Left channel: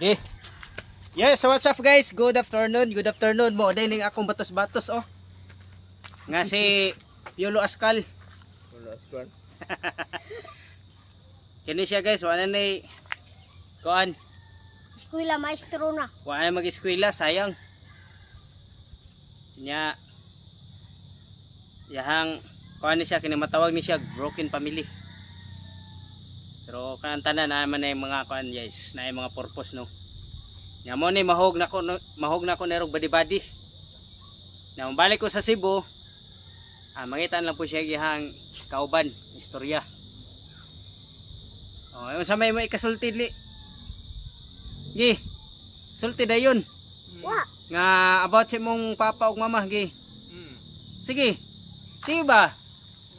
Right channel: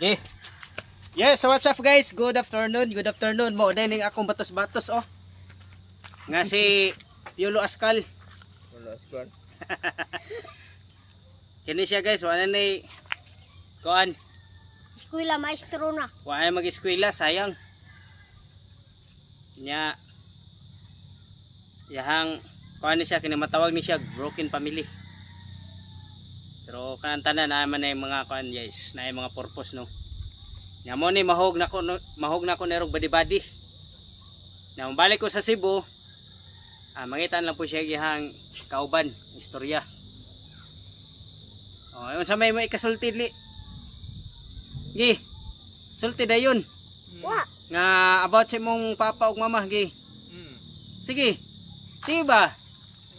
Okay. Yes, so what's up guys? Good afternoon. Good afternoon mo. Dahil akong batos-batos oh. Nga si Piolo Askal. Piolo Askal. Kini siya guys, wala na kuan. Eskwela maestro na. Wala na mag-eskwela, sayang. Nya yahang kuan ni siya, kinamatawag ni siya broken family. Pero kanang tanan naman na yung mga kuan guys, na yung mga purpose no. Nya mo ni mahog na ko nerog badi-badi. Na balik ko sa Cebu, mangitan lang po siya gihang kauban, istorya. Oh, yung sa may mo ikasulti li. Gi. Sulti dayon. Wa. Nga about sa mong papa ug mama gi. Sige. Sige ba?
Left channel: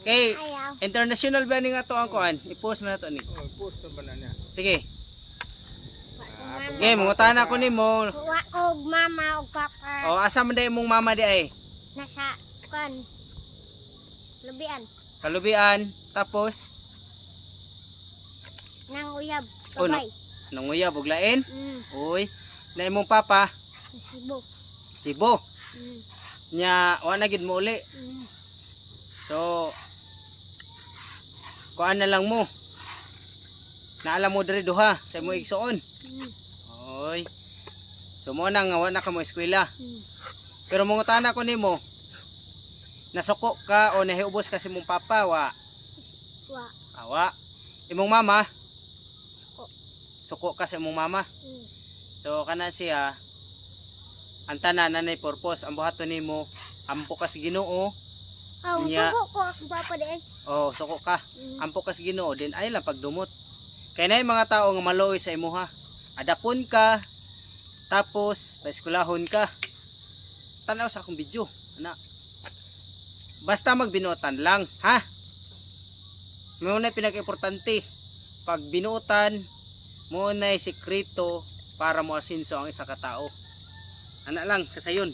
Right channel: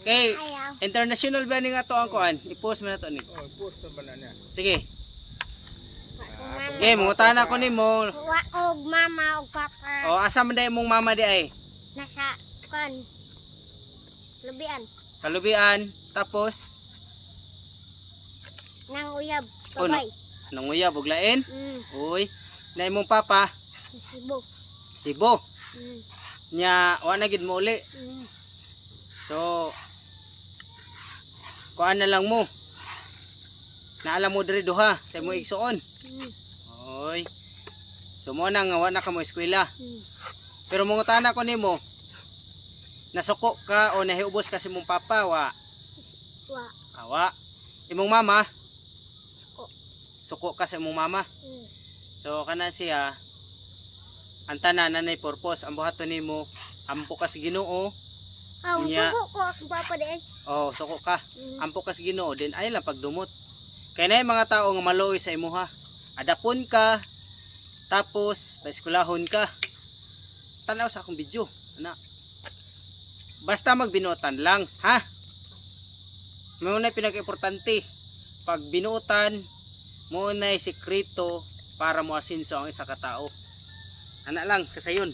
Kay Ayaw. international ba ning ato ang kuan? I-post mo na to ni. Oh, post ba na niya? Sige. Mama. Okay, mangutana ko nimo. Wa og mama og papa. Oh, asa man day mong mama di ay? Nasa kan. Lubian. Kalubian, tapos Nang uyab. Oh, Babay. nanguya buglain. Mm. Uy, na imong papa Nasibo. Cebu. Mm. Nya wa na gid mo uli. Mm. So kuan na lang mo. Naalam mo diri duha sa imong igsuon. Mm. Oy. So mo na nga wa na ka mo eskwela. Mm. Pero mangutana ko nimo. Nasuko ka o nahiubos ka sa imong papa wa? Wa. Awa. Imong mama? Suko. Suko ka sa imong mama. Mm. So kana siya ang tanan nanay purpose ang buhaton nimo ampo ka sa Ginoo. Aw, Nya. suko ko ang papa din. Oh, suko ka. Mm. Ampo ka sa Ginoo din ay lang pagdumot. Kay nay mga tao nga maluoy sa imuha. Adapon ka tapos paeskwelahon ka. Tanaw sa akong video, ana. Basta magbinuotan lang, ha? Mo na pinaka-importante. Pag binuotan, mo na sekreto para mo asinso ang isa ka tao. Ana lang kasayon.